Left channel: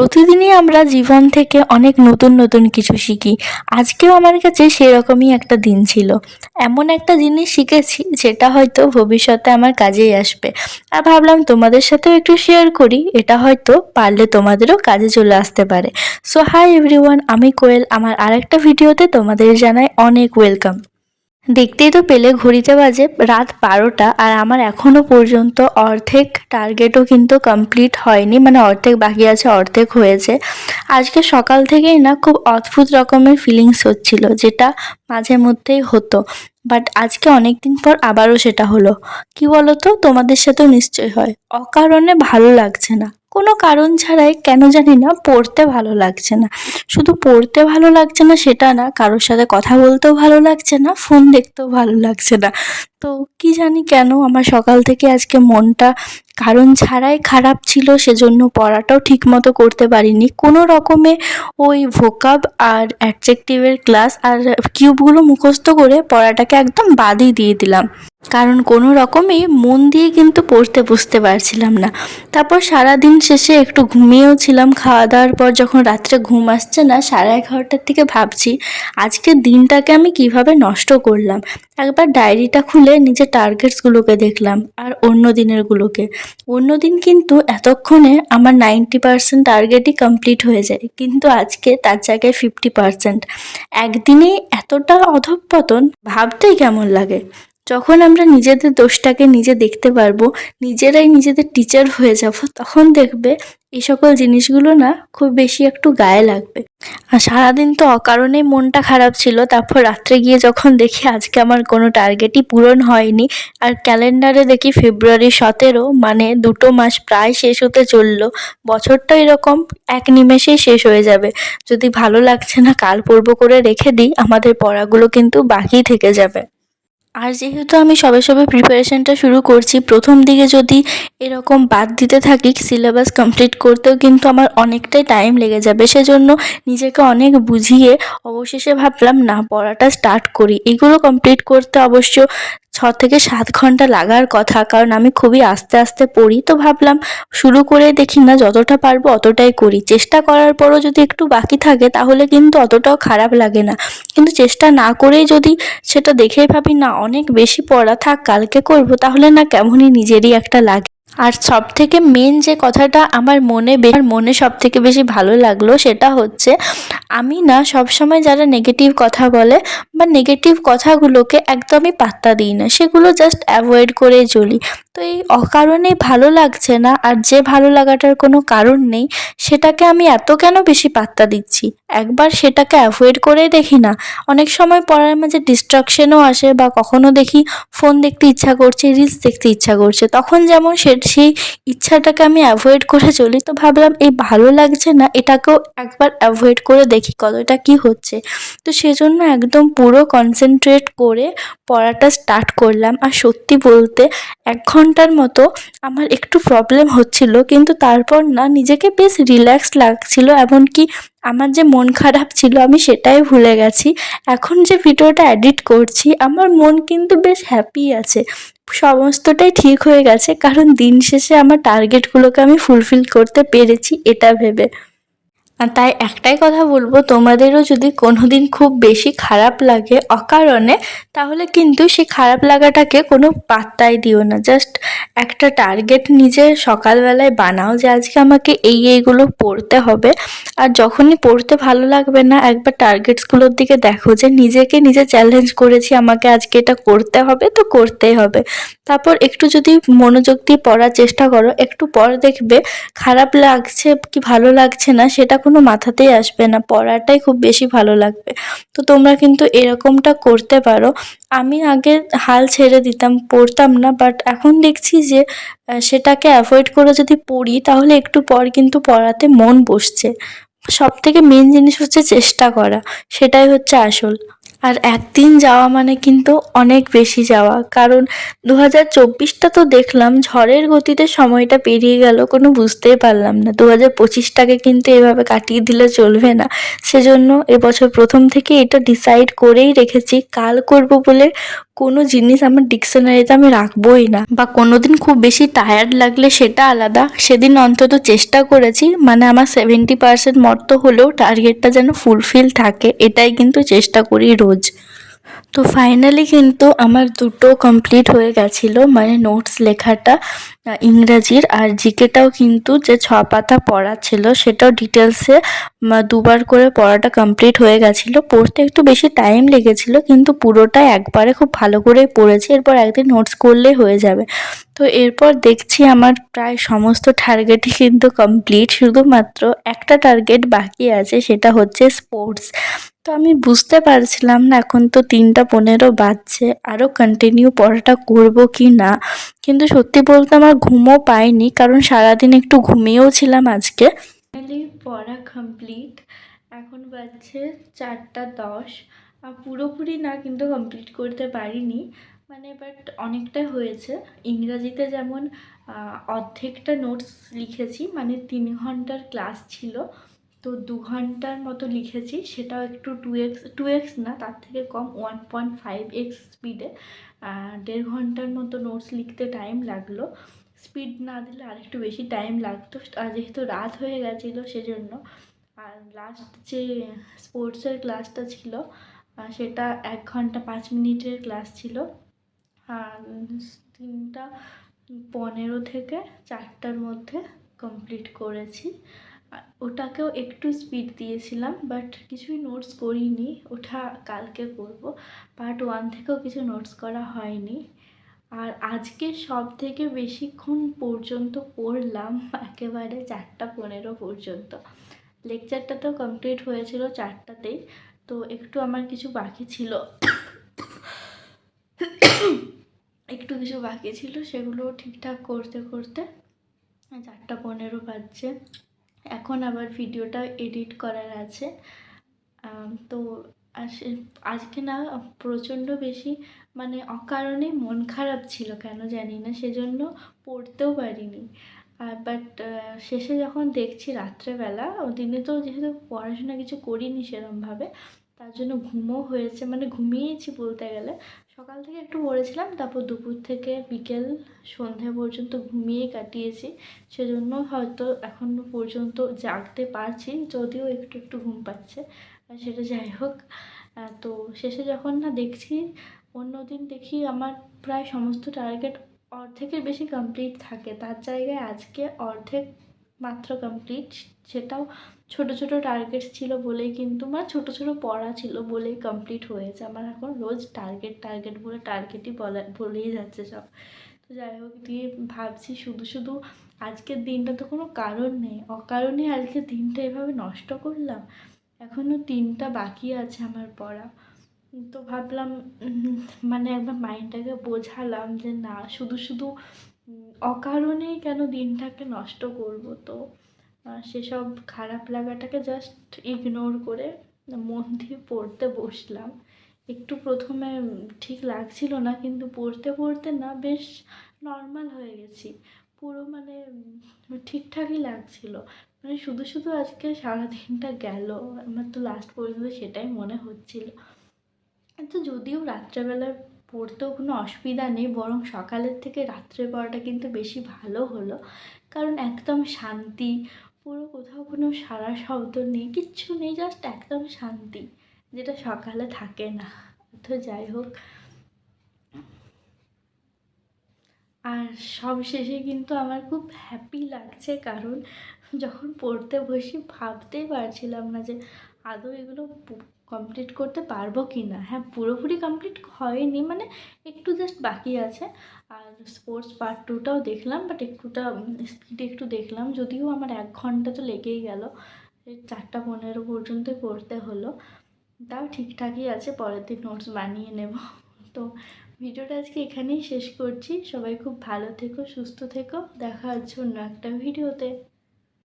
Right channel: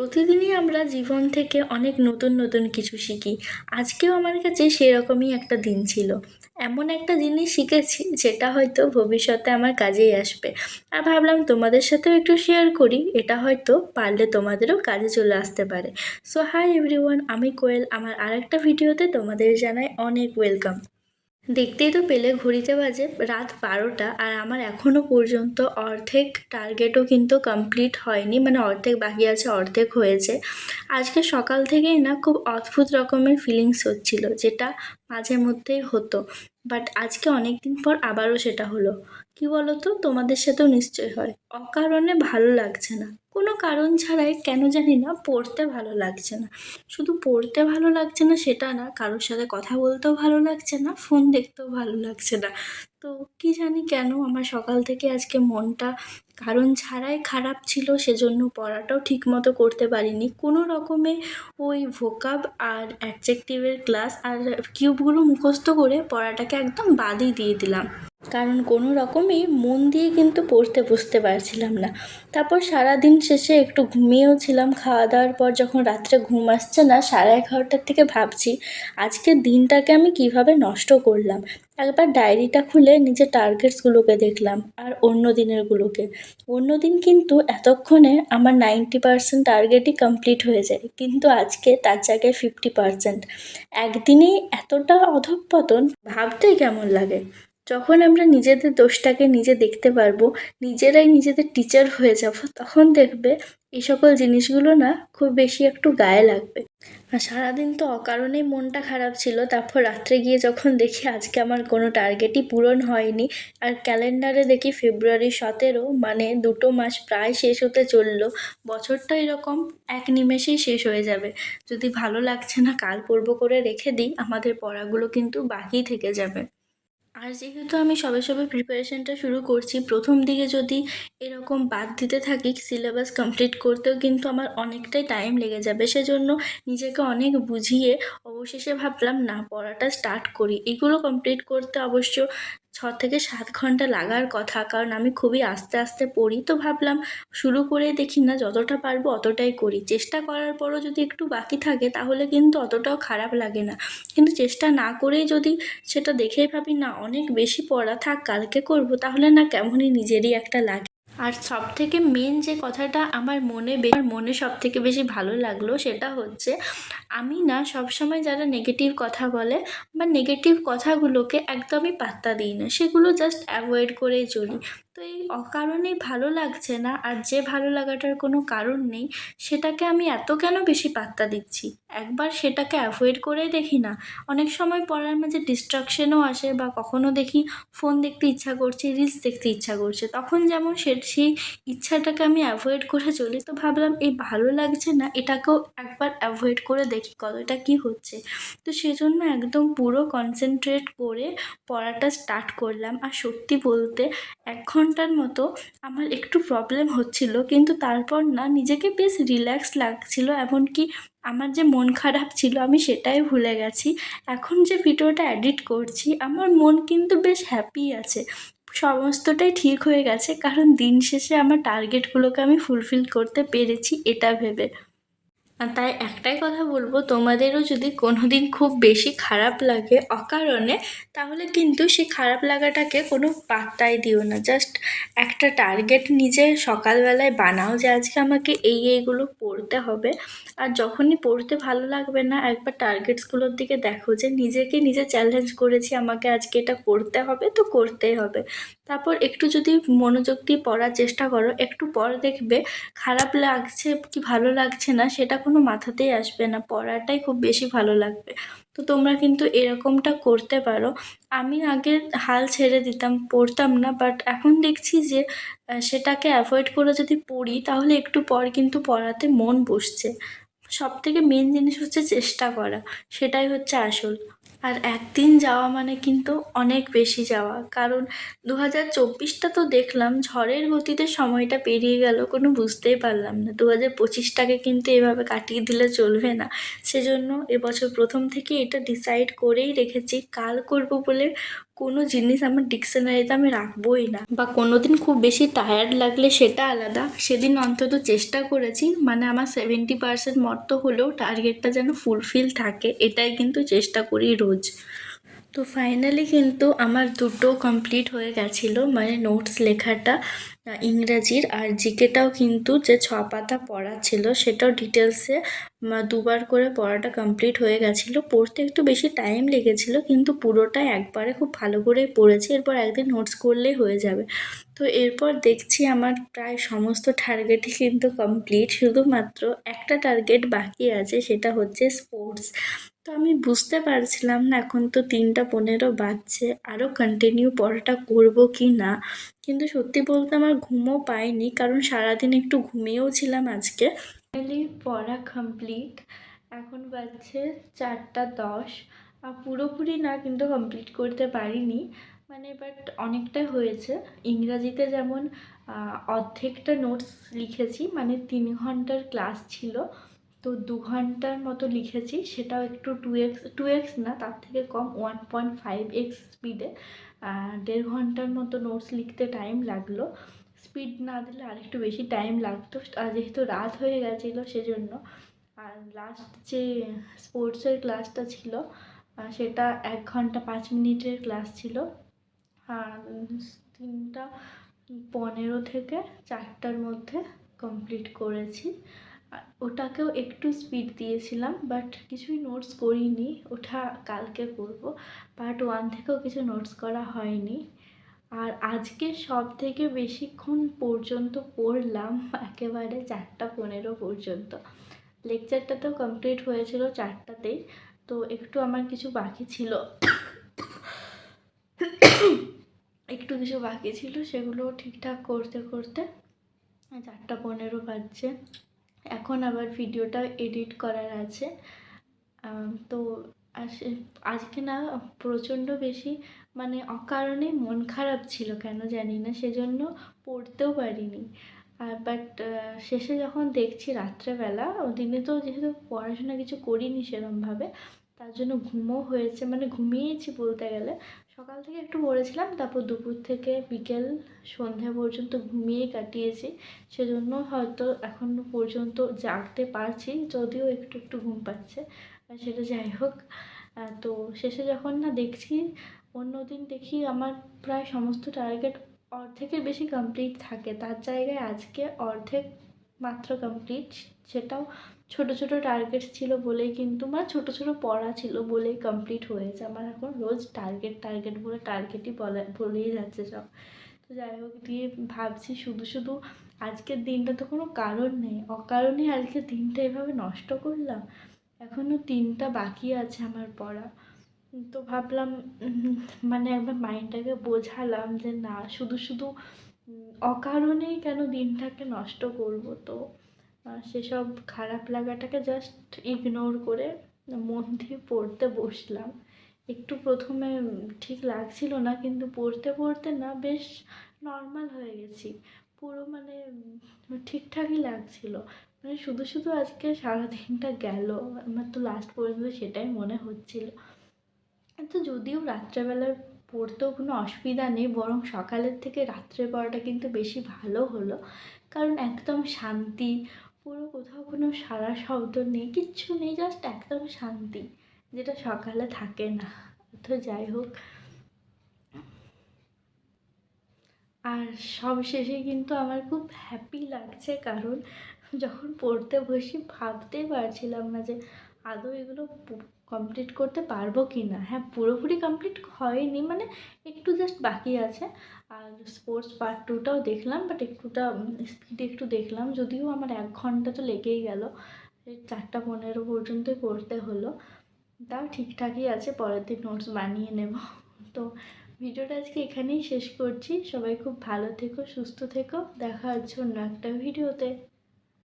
প্রতিদিনই আমরা জীবন থেকে অনেক নতুন নতুন কিছু শিখি। আজকেও আমার কাছে সেরকমই একটা দিন ছিল। এমন একটা জিনিস শিখেছি যেটা হয়তো ভবিষ্যতে আমার কাজেই আসবে। আর ভাবলাম তোমাদের সাথেও একটু শেয়ার করি, এটা হয়তো পারলে তোমাদেরও কাজে চলে আসতে পারে। সো হাই এভরিওয়ান, আমি কোয়েল। আমার আরেকটা ভিডিওতে তোমাদের জানাই অনেক ওয়েলকাম। দেখতেই তো পেলে ঘড়িতে বাজে রাত 12টা, আর আমার এখনো পর্যন্ত অর্ধেক টার্গেটও কিন্তু কমপ্লিট হয়নি, মানে অর্ধেক বাকি আছে, অর্ধেক হয়েছে। আজকে সকাল থেকেই না খুব অদ্ভুত রকমের ফিলিংস হচ্ছিল, যেটা মাঝে মধ্যেই হতো, বাট আজকে অনেক দিন পর আবারও সেটা হলো। কি বলতো, তোমাদের সাথেও নিশ্চয়ই হয়, অকারণে ভালো লাগছে না, কোনো কারণ ছাড়াই কেন জানি না পড়তে ভালো লাগছে না। শুধু পড়তে ভালো লাগছে না সেটা না, কারোর সাথে কথা বলতেও ভালো লাগছে না, ফোন দেখতেও ভালো লাগছে না। তো কি জানি কেন আমার সকাল থেকে আজকে মনটা কারণ ছাড়াই খারাপ ছিল, সেজন্য পড়াটাও ঠিক মতো করতে পারিনি। কোনো রকমে ওই ভোকাব আর অ্যাডজেক্টিভের ক্লাস আর কিউবগুলো মুখস্থ করে পড়াটাকে একদম বাদই দিয়ে দিলাম, কারণ কোনো রকমেই মন দিয়ে কিন্তু পড়তে বসতে পারছিলাম না। তারপর সারাদিন শেষে একটু ঘুমিয়েও ছিলাম। খাওয়া দাওয়ার পর যখন রাত্রে ঘুম আসছে না 11:30টার থেকে ভাবছি আজকের দিনটাকে আমি কিভাবে নষ্ট করলাম। একবার ডায়েরিটা খুলে নিজের টার্গেটসগুলোকে দেখলাম আর অন্য দিনেরগুলোকে। অন্য দিন কিন্তু এতক্ষণে আমার 90% টার্গেটই কমপ্লিট হয়ে যায়, কিন্তু আজকে তার জায়গায় 50%। একদিনেই এতটা অধঃপতন, ভাবতেই কেমন লাগে। যখন আমরা নিজেদের দোষটাকে নিজে দেখতে পারবো, নিজেরাই নিজেদের টিচার হয়ে যাব, তখন দেখবে এই সকল জিনিসগুলো না খুব বেশি একটু গায়ে লাগবে। আর সারাদিন তো অকারণেই মনটা খারাপ ছিল, তারপর রাত্রে গিয়ে যখন দেখি আজকে আমার কোনো টার্গেটই পূরণ হয়নি, আর ক্যালেন্ডারে দেখি ফেব্রুয়ারি 17, মানে 2 মাস প্রায় শেষ হতে চললো। বছরটা এরকম এক নিমেষেই শেষ হয়ে যাবে। যদি ভালো লাগছে না কাল পড়বো করে রেখে দিই, আমাদের পড়াগুলো কিন্তু বাকি থেকে যাবে। আর যেহেতু আমি সবে সবে প্রিপারেশনটা শুরু করছি, প্রথম দিকে যদি এরকম বাদ দিতে থাকি সিলেবাস কমপ্লিট করতেও কিন্তু আমার অনেকটাই টাইম লেগে যাবে। সেজন্য নিজেকে অনেক বুঝিয়ে অবশেষে ভাবলাম না, পড়াটা স্টার্ট করি। এগুলো কমপ্লিট করতে অবশ্য 6 থেকে 7 ঘন্টা লাগার কথা, কারণ আমি খুবই আস্তে আস্তে পড়ি। তো ভাবলাম শুরু করে দেখি না, যতটা পারবো অতটাই করি। চেষ্টা করার পরও যদি একটু বাকি থাকে তাহলে কিন্তু অতটাও খারাপ লাগে না, কিন্তু চেষ্টা না করেই যদি সেটা দেখেই ভাবি না অনেক বেশি পড়া, থাক কালকে করব, তাহলে না কেমনই নিজেরই একটা লাগে। আর সব থেকে মেন যে কথাটা আমার মনে সব থেকে বেশি ভালো লাগলো সেটা হচ্ছে, আমি না সবসময় যারা নেগেটিভ কথা বলে বা নেগেটিভ কথাগুলোকে একদমই পাত্তা দিই না, সেগুলো জাস্ট অ্যাভয়েড করেই চলি। তো এই অকারণেই ভালো লাগছে না, আর যে ভালো লাগাটার কোনো কারণ নেই সেটাকে আমি এত কেন বেশি পাত্তা দিচ্ছি। একবার সেটাকে অ্যাভয়েড করেই দেখি না। অনেক সময় পড়ার মাঝে ডিস্ট্রাকশনও আসে, বা কখনো দেখি ফোন দেখতে ইচ্ছা করছে, রিলস দেখতে ইচ্ছা করছে, তখন যেমন সেই ইচ্ছাটাকে আমি অ্যাভয়েড করে চলি। তো ভাবলাম এই ভালো লাগছে না, এটাকেও একবার অ্যাভয়েড করে দেখি কতটা কি হচ্ছে। তো সেজন্য একদম পুরো কনসেন্ট্রেট করে পড়াটা স্টার্ট করলাম। আর সত্যি বলতে 1 ঘন্টার মতো আমার একটু প্রবলেম হচ্ছিল, কিন্তু তারপর না নিজেকে বেশ রিল্যাক্স লাগছিল। এমনকি আমার যে মন খারাপ ছিল আমি সেটাই ভুলে গেছি। এখন যে ভিডিওটা এডিট করছি আমার মন কিন্তু বেশ হ্যাপি আছে, সমস্তটাই ঠিক হয়ে গেছে, কারণ দিন শেষে আমার টার্গেটগুলোকে আমি ফুলফিল করতে পেরেছি এটা ভেবে। আর তাই একটাই কথা বলবো, তোমাদেরও যদি কোনোদিন খুব বেশি খারাপ লাগে অকারণে, তাহলে কিন্তু সেই খারাপ লাগাটাকে কোনো পাত্তাই দিও না। জাস্ট একটা টার্গেট নিজে সকালবেলায় বানাও যে আজকে আমাকে এইগুলো পড়তে হবে। আর যখনই পড়তে ভালো লাগবে না, একবার টার্গেটসগুলোর দিকে দেখো যে নিজেকে নিজে চ্যালেঞ্জ করেছি আমাকে আজকে এটা করতে হবে, তো করতেই হবে। তারপর একটু যদি মনোযোগ দিয়ে পড়ার চেষ্টা করো, একটু পর দেখবে খারাপ লাগছে কি ভালো লাগছে না সেটা কোনো মাথাতেই আসবে না, পড়াটাই খুব বেশি ভালো লাগবে। তো তোমরা কিন্তু এরকমটা করতে পারো। আমি আগে হাল ছেড়ে দিতাম, পড়তাম না, বাট এখন দেখছি যে সেটাকে অ্যাভয়েড করে যদি পড়ি তাহলে একটু পর কিন্তু পড়াতে মন বসছে। সব থেকে মেন জিনিস হচ্ছে চেষ্টা করা, সেটাই হচ্ছে আসল। আর একদিন যাওয়া মানে কিন্তু অনেক বেশি যাওয়া, কারণ 2024টা তো দেখলাম ঝড়ের গতিতে সময়টা পেরিয়ে গেল, কোনো বুঝতেই পারলাম না। 2025টাকে কিন্তু এভাবে কাটিয়ে দিলে চলবে না। সেজন্য এবছর প্রথম থেকে এটা ডিসাইড করেই রেখেছি, কাল করব বলে কোনো জিনিস আমার ডিকশনারিতে আমি রাখবোই না। বা কোনোদিন খুব বেশি টায়ার্ড লাগলে সেটা আলাদা, সেদিন অন্তত চেষ্টা করেছি, মানে আমার 70% মতো হলেও টার্গেটটা যেন ফুলফিল থাকে, এটাই কিন্তু চেষ্টা করি রোজ। তো ফাইনালি কিন্তু আমার দুটো কমপ্লিট হয়ে গেছিলো, মানে নোটস লেখাটা ইংরাজির, আর জিকেটাও কিন্তু যে 6 পাতা পড়া ছিল সেটাও ডিটেলসে দুবার করে পড়াটা কমপ্লিট হয়ে গেছিলো। পড়তে একটু বেশি টাইম লেগেছিলো, কিন্তু পুরোটা একবারে খুব ভালো করেই পড়েছি, এরপর একদিন নোটস করলেই হয়ে যাবে। তো এরপর দেখছি আমার প্রায় সমস্ত টার্গেটই কিন্তু কমপ্লিট, শুধুমাত্র একটা টার্গেট বাকি আছে, সেটা হচ্ছে স্পোর্টস। তো আমি বুঝতে পারছিলাম না, এখন তো 3টা 15 বাজছে, আরও কন্টিনিউ পড়াটা করব কি না। কিন্তু সত্যি বলতে আমার ঘুমও পাইনি, কারণ সারাদিন একটু ঘুমিয়েও ছিলাম আজকে। ফাইনালি পড়া কমপ্লিট, এখন বাজছে 4টা 10। পুরোপুরি না কিন্তু কমপ্লিট করতে পারিনি, মানে বাট অনেকটা হয়েছে। ইংরাজিতে যেমন অর্ধেকটা নোটস লিখেছি, মানে 3 ঘন্টার ক্লাস ছিল, তো 2 ঘন্টার মতো লিখেছি, সেটাও একটু 2x না, তার থেকে কম, 1.5x স্পিডে। 1.5 ঘন্টার মতো নোটস লিখতে টাইম লাগলো। স্পিড না দিলে আরেকটু বেশি টাইম লাগতো, আর যেহেতু রাত হয়ে গেছিলো সেজন্য। আর লাস্ট যে স্পোর্টসের ক্লাসটা ছিল সেটা 1 ঘন্টা 5 মিনিটের ক্লাস ছিল। 3টা 15 থেকে 4টার মধ্যে কমপ্লিট করেছি। ওটাকেও একটু স্পিড দিয়েছিলাম, বাট কিছুই নোটস করিনি, ওটা কালকে করব। পার্ট 1 থেকেও কিছু নোটস করা হয়নি। আর আজকে সব থেকে বেশিক্ষণ পর্যন্ত পড়লাম একেবারে 4টা 15 পর্যন্ত। লেকচারটা তো কমপ্লিট হয়েছিল 4টাতেই, তো একটু আমার কিছু বাকি ছিল, কিছু বাকি ছিল, সেগুলো ঠিকঠাক করতে করতে 4টা 15 বাজছে। এখন আবার ভিডিওটা এডিট করার আছে। তো আজকে না প্রচণ্ড বেশি, মানে অকারণে মন খারাপ ছিল কেন জানি না, সেজন্য পড়তেও পারিনি। বাট শেষে যখন দেখছি রাত্রেবেলা, দিনে তো যেহেতু পড়াশোনা কিছু করিনি সেরমভাবে, তার জন্য ঘুমও হয়েছে, মানে ঘুমিয়েছি বলতে গেলে। সকাল থেকে একটু পড়েছিলাম, তারপর দুপুর থেকে বিকেল সন্ধ্যা পর্যন্ত ঘুমিয়েই কাটিয়েছি, সেজন্য হয়তো এখনও পর্যন্ত জাগতে পারছি, যদিও একটু একটু ঘুম পাচ্ছে। সেটা যাই হোক। তো শেষে যখন না দেখছি, অন্যদিন দেখি আমার প্রায় সমস্ত টার্গেট অর্ধেকের বেশি কমপ্লিট থাকে, তার জায়গায় আজকে অর্ধেক মাত্র কমপ্লিট, সেটাও ছোটো ছোটো টার্গেট ছিল বলেই, কিন্তু মানে ছোটো ছোটো পড়া ছিল বলেই কমপ্লিট হয়েছে। আমার এখন রোজ টার্গেট টার্গেট বলে টার্গেটই বলেই যাচ্ছে সব। তো যাই হোক, দিয়ে ভাবছি শুধু শুধু আজকের দিনটা তো কোনো কারণ নেই, অকারণে আজকের দিনটা এভাবে নষ্ট করলাম। এখনও 3টা বাকি আছে আমার পড়া। তো ভাবলাম, মানে একবার মাইন্ডটাকে বোঝালাম যে না, শুধু শুধু অকারণেই কেন দিনটাকে নষ্ট করব। তো সেসব খারাপ লাগাটাকে জাস্ট ইগনোর করে মন দিয়ে পড়তে বসলাম। একটু প্রথমে ঠিক লাগছিল না, কিন্তু পড়তে পড়তে না বেশ নর্মাল হয়ে গেছি পুরো, মানে ঠিকঠাকই লাগছিল। মানে শুধু শুধু আজকে সারাদিনটা গেল, আমার তো লাস্ট পর্যন্ত সেটাই মনে হচ্ছিল। তো যদিও রাত্রেবেলায় পড়তেও কোনো অসুবিধা নেই, বরং সকালের থেকে রাত্রে পড়াটা কিন্তু বেশি ভালো হলো, কারণ একদম শান্তি, পুরো কোথাও কোনো সারা শব্দ নেই, কিচ্ছু নেই, জাস্ট একদম শান্তি, যেটা সকালে থাকে না। তো যাই হোক, আর সব শেষে কিন্তু আমার খুব হ্যাপি লাগছে, কারণ যখন পড়তে বসি ভাবতেই পারছিলাম না যে আদৌ এগুলো কমপ্লিট করতে পারবো কি না। হ্যাঁ, পুরোপুরি কমপ্লিট হয়নি, মানে একটু জাস্ট বাকি আছে। আর স্পোর্টস পার্ট 2টাও দেখলাম, বাট একটুটা স্পিডে একটু দেখলাম, যদিও আমার 1 ঘন্টা তো লেগেই গেল, 4টা 15 পর্যন্তই পড়তে হলো। তাও ঠিকঠাকই আছে, পরের দিন নোটস বানিয়ে নেব। তো ভিডিওটা আজকে এখানেই শেষ করছি। সবাই খুব ভালো থেকো, সুস্থ থেকো, দেখা হচ্ছে অন্য একটা ভিডিওতে।